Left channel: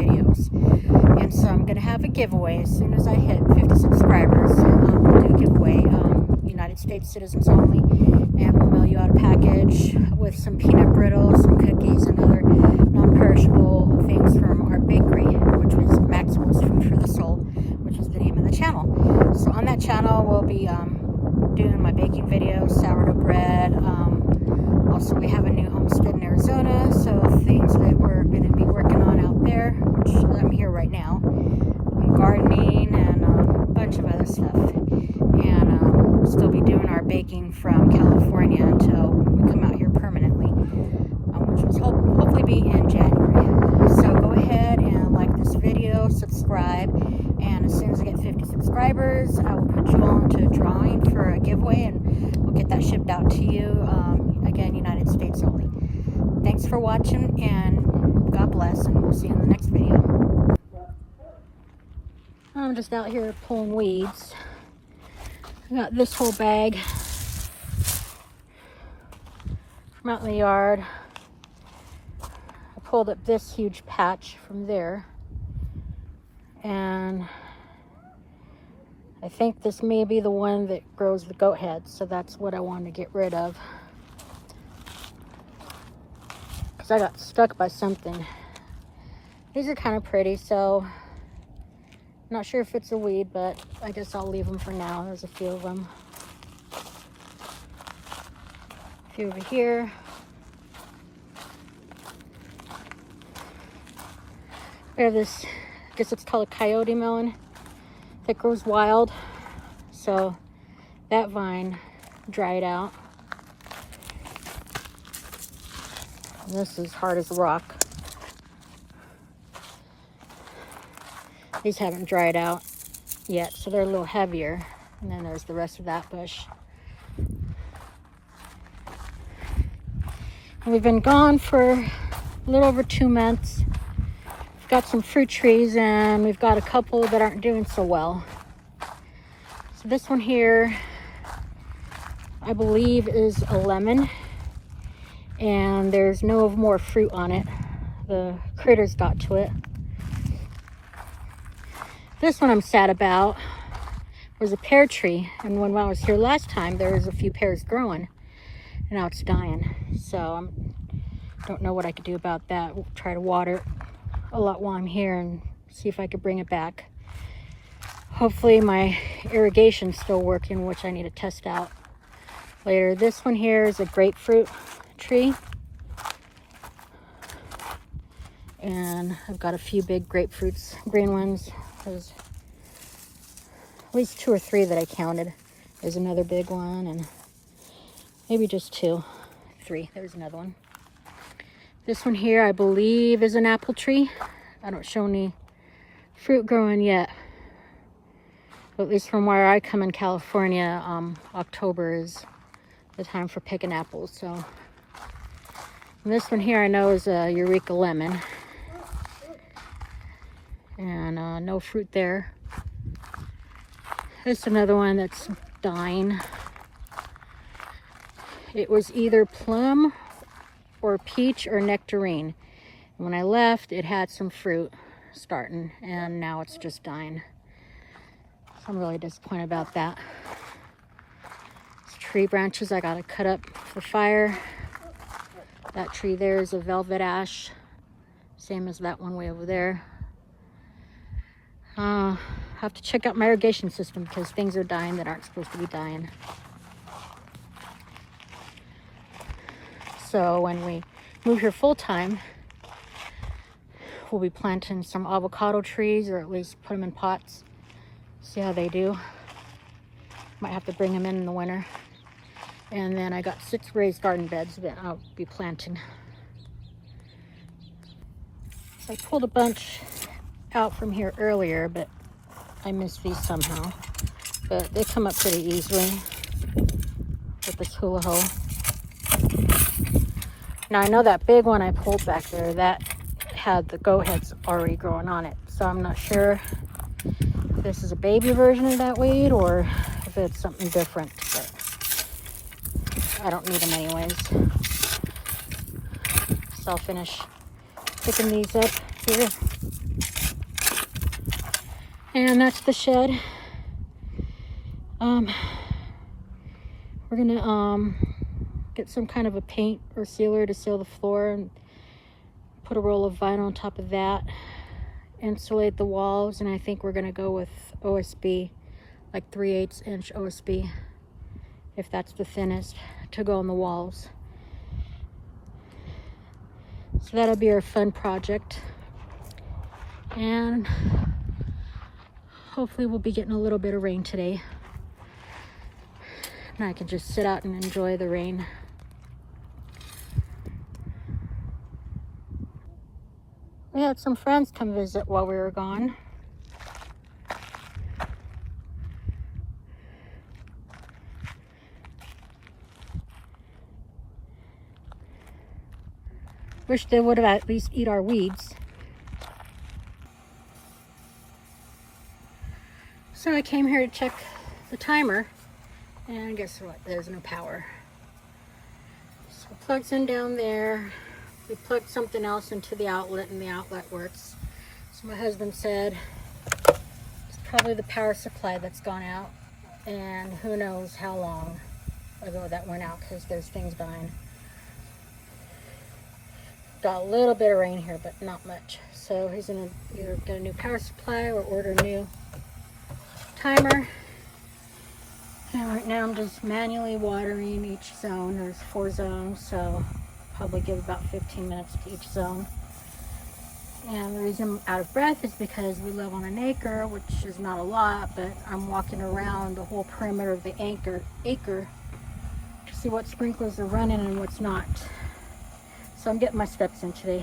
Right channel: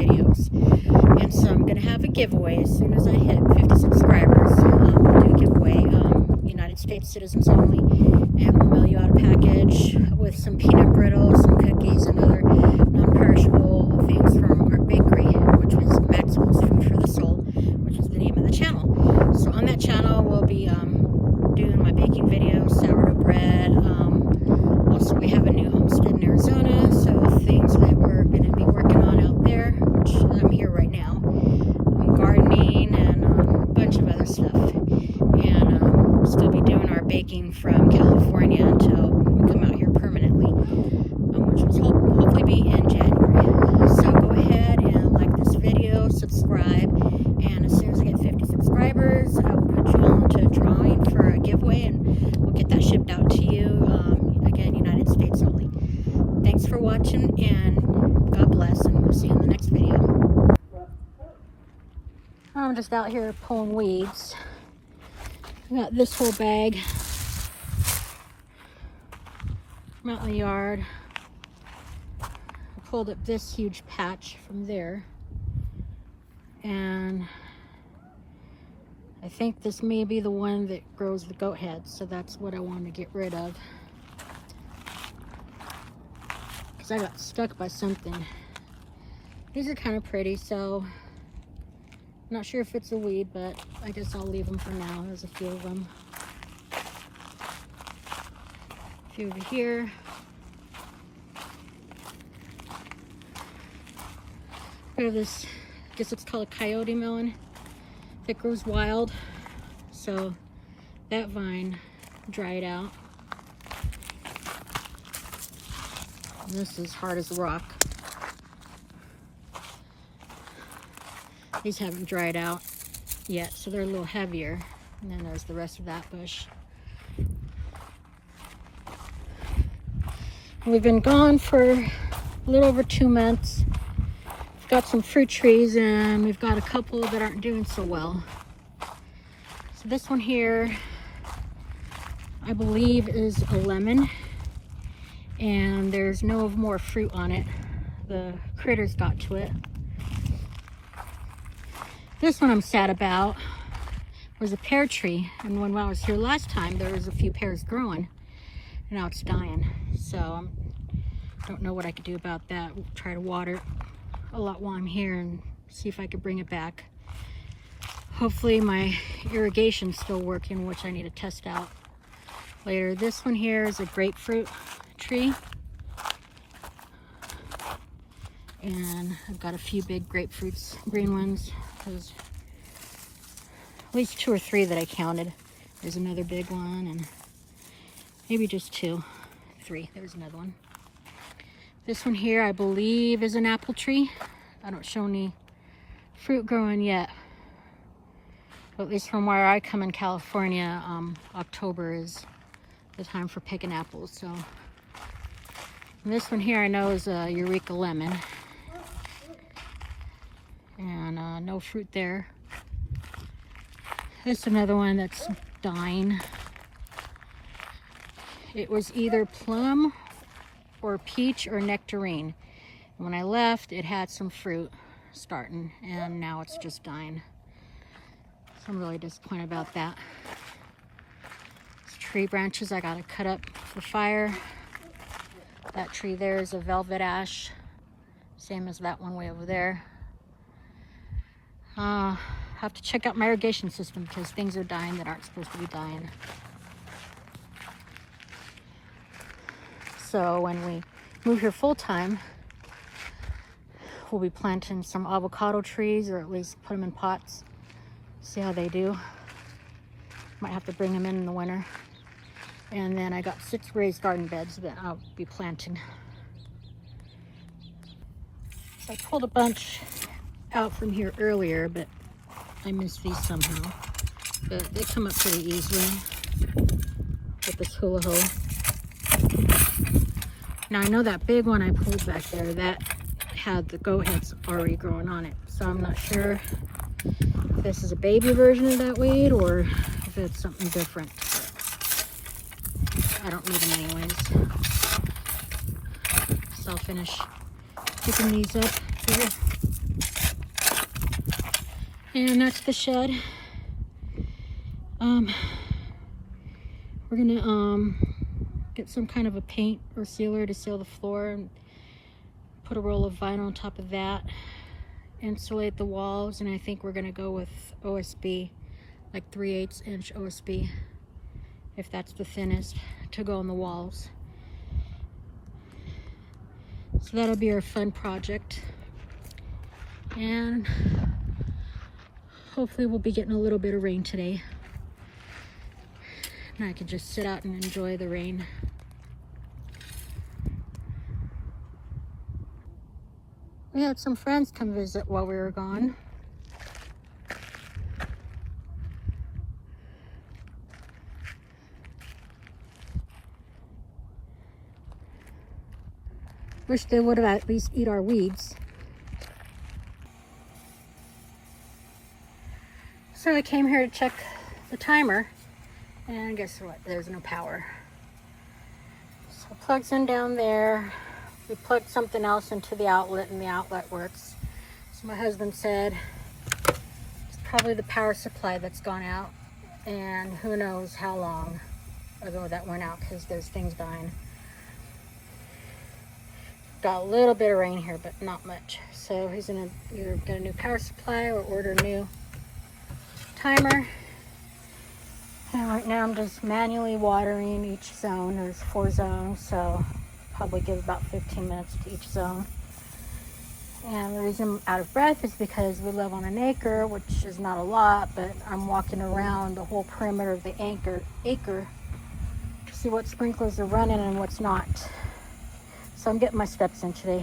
videos. And so I'm going to have a giveaway as soon as I hit 50 subscribers. We'll do a giveaway, United States citizens only, and we'll mail you out a package with some peanut brittle, some cookies, and other non-perishable things from our bakery, which was Maxwell's Food for the Soul, which is the name of the channel. So on that channel, we'll be doing my baking videos, sourdough bread. Also, we have a new homestead in Arizona, so things that we're going to be working on out there, which I'm here right now. Gardening and a bunch of other stuff. And we'll still be doing our baking from California until we come out here permanently, which will hopefully be in January. So go ahead and like this video, subscribe, and as soon as I get 50 subscribers, I will put you all into a drawing for a giveaway, and we'll get that shipped out to you. Again, United States only. Thanks for watching, and God bless, and we'll see you in the next video. I'm just out here pulling weeds. I got this whole bag from out in the yard. I pulled up this huge patch from there, and I think this may be the one that grows the goat heads, so that's what I want to get rid of. Because I got stuck by something. These are kind of pretty, so not sure if it's a weed, but I guess I'll leave them for now. There's a few of them. A few over here. We have this, I guess it's called a coyote melon, that grows wild. So that vine dried out. And this is hard as rock. These haven't dried out yet, so they're a little heavier. And then there's the rest of that bush. And we've been gone for a little over 2 months. We've got some fruit trees, and we've got a couple that aren't doing so well. So this one here, I believe, is a lemon, and there's no more fruit on it. The critters got to it. This one I'm sad about was a pear tree, and when I was here last time, there was a few pears growing, and now it's dying. So I don't know what I could do about that. We'll try to water it a lot while I'm here and see if I could bring it back. Hopefully my irrigation's still working, which I need to test out later. This one here is a grapefruit tree, and I've got a few big grapefruits, green ones. There's at least 2 or 3 that I counted. There's another big one, and maybe just 2, 3. There's another one. This one here, I believe, is an apple tree. I don't show any fruit growing yet. But at least from where I come in California, October is the time for picking apples. So and this one here I know is a Eureka lemon. And no fruit there. This is another one that's dying. It was either plum or peach or nectarine. When I left, it had some fruit starting, and now it's just dying. So I'm really disappointed about that. These tree branches I gotta cut up for fire. That tree there is a velvet ash, same as that one way over there. I have to check out my irrigation system because things are dying that aren't supposed to be dying. So when we move here full time, we'll be planting some avocado trees, or at least put them in pots. See how they do. Might have to bring them in the winter. And then I got 6 raised garden beds that I'll be planting. So I pulled a bunch out from here earlier, but I missed these somehow. But they come up pretty easily with this hula hoe. Now I know that big one I pulled back there, that had the goat heads already growing on it. So I'm not sure if this is a baby version of that weed or if it's something different. I don't need them anyways. So I'll finish picking these up here. And that's the shed. We're gonna get some kind of a paint or sealer to seal the floor and put a roll of vinyl on top of that, insulate the walls, and I think we're gonna go with OSB, like 3/8 inch OSB, if that's the thinnest, to go on the walls. So that'll be our fun project, and hopefully we'll be getting a little bit of rain today, and I can just sit out and enjoy the rain. We had some friends come visit while we were gone. Wish they would have at least eat our weeds. So I came here to check the timer, and guess what? There's no power. So it plugs in down there. We plugged something else into the outlet, and the outlet works. So my husband said it's probably the power supply that's gone out, and who knows how long ago that went out, because there's things dying. Got a little bit of rain here, but not much. So he's gonna either get a new power supply or order a new timer. And right now I'm just manually watering each zone. There's 4 zones, so probably give about 15 minutes to each zone. And the reason I'm out of breath is because we live on an acre, which is not a lot, but I'm walking around the whole perimeter of the acre to see what sprinklers are running and what's not. So I'm getting my steps in today.